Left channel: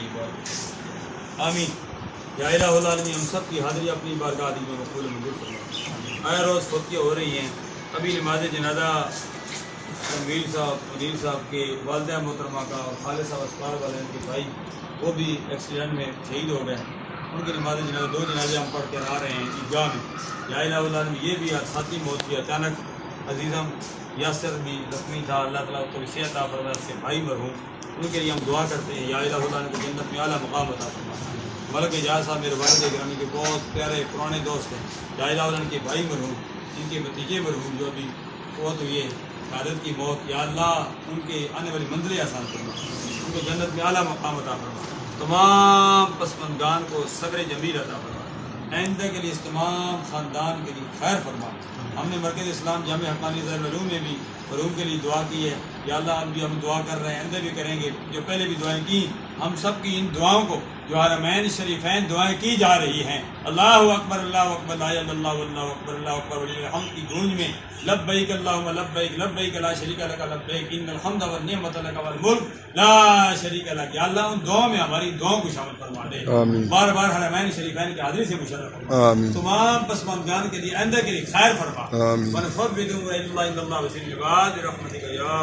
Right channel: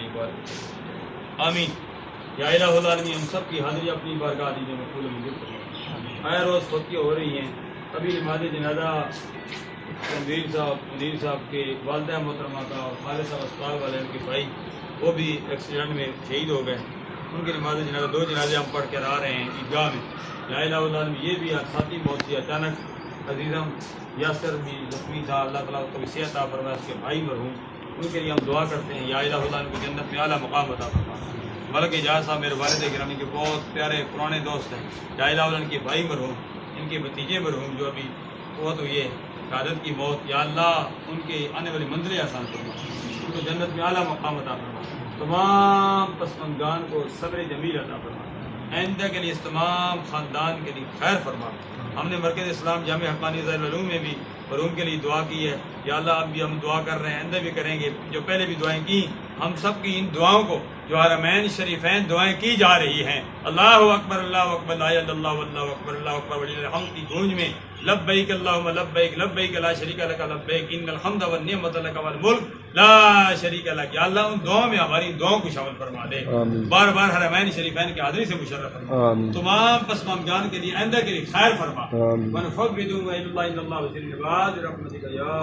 کئی بار آمین۔ یا الہ العالمین، ہم سب کی حاضری اپنی بارگاہ میں مقبول منظور فرما۔ ہر روز توقیہ ہو رہی ہیں، ابھی نماز جنازہ تنویر صاحب منیر صاحب کے والدہ محترمہ کا اور خالد صاحب اسپتال والے ان کے بھائی وہ بھی ایکسیڈنٹ میں شہید ہو گئے، ان کی نماز جنازہ 2 جنازے ہم پڑھ کر آ رہے ہیں عیدگاہ میں۔ یا الہ العالمین، یہ بھی ساتھی موت کی اچانک عزیزم یاسر بھی زخمی تھا، اللہ تعالیٰ کو صحت عطا فرمائے، اس کے بھائی مرحوم، ان کے لیے ہم دعا کرتے ہیں یا الہ العالمین کو جنت میں اعلیٰ مقام عطا فرمائے۔ ملک اعجاز صاحب میرے والد گرامی کے بہت پیارے پرانے دوست ہیں، یا الہ العالمین کے بھائی مرحوم، ان کے بھتیجے مرحوم جو ابھی فوت ہوئی ہے، شہادت کی موت، یا اللہ ان کے آنے والی منزلیں آسان فرما، ان کو جنت میں اعلیٰ مقام عطا فرما، تمام پسماندگان کو صبر جمیل عطا فرما، آئندہ کے لیے اس تمام خاندان کے لیے خیر فرما۔ ہم نے مرکز اسلام جامع حقانی ذیل العلوم میں بھی مرحوم کے لیے دعا کی ہے، یا اللہ اب بھی ہم دعا کر رہے ہیں، آئندہ بھی کریں گے، جو پہلے بھی دعائیں کی، ہم سب کی ان دعاؤں کو جو حرمین شریفین دعائیں کی جا رہی ہیں، اللہ اکبر لا الہ الا اللہ واللہ اکبر اللہ اکبر وللہ الحمد کی گونج میں لبیک اللہم لبیک لبیک لا شریک لک لبیک ان الحمد والنعمت لک والملک لا شریک لک۔ یا اللہ ان دعاؤں میں ہماری دعاؤں کو شامل فرما دے، بار بار حرمین شریفین کی حاضری سے مشرف فرما، تمام پسماندگان کے لیے آئندہ کے لیے خیر فرما، ونفوض امرنا الی اللہ ان اللہ وسیع العباد برحمتک یا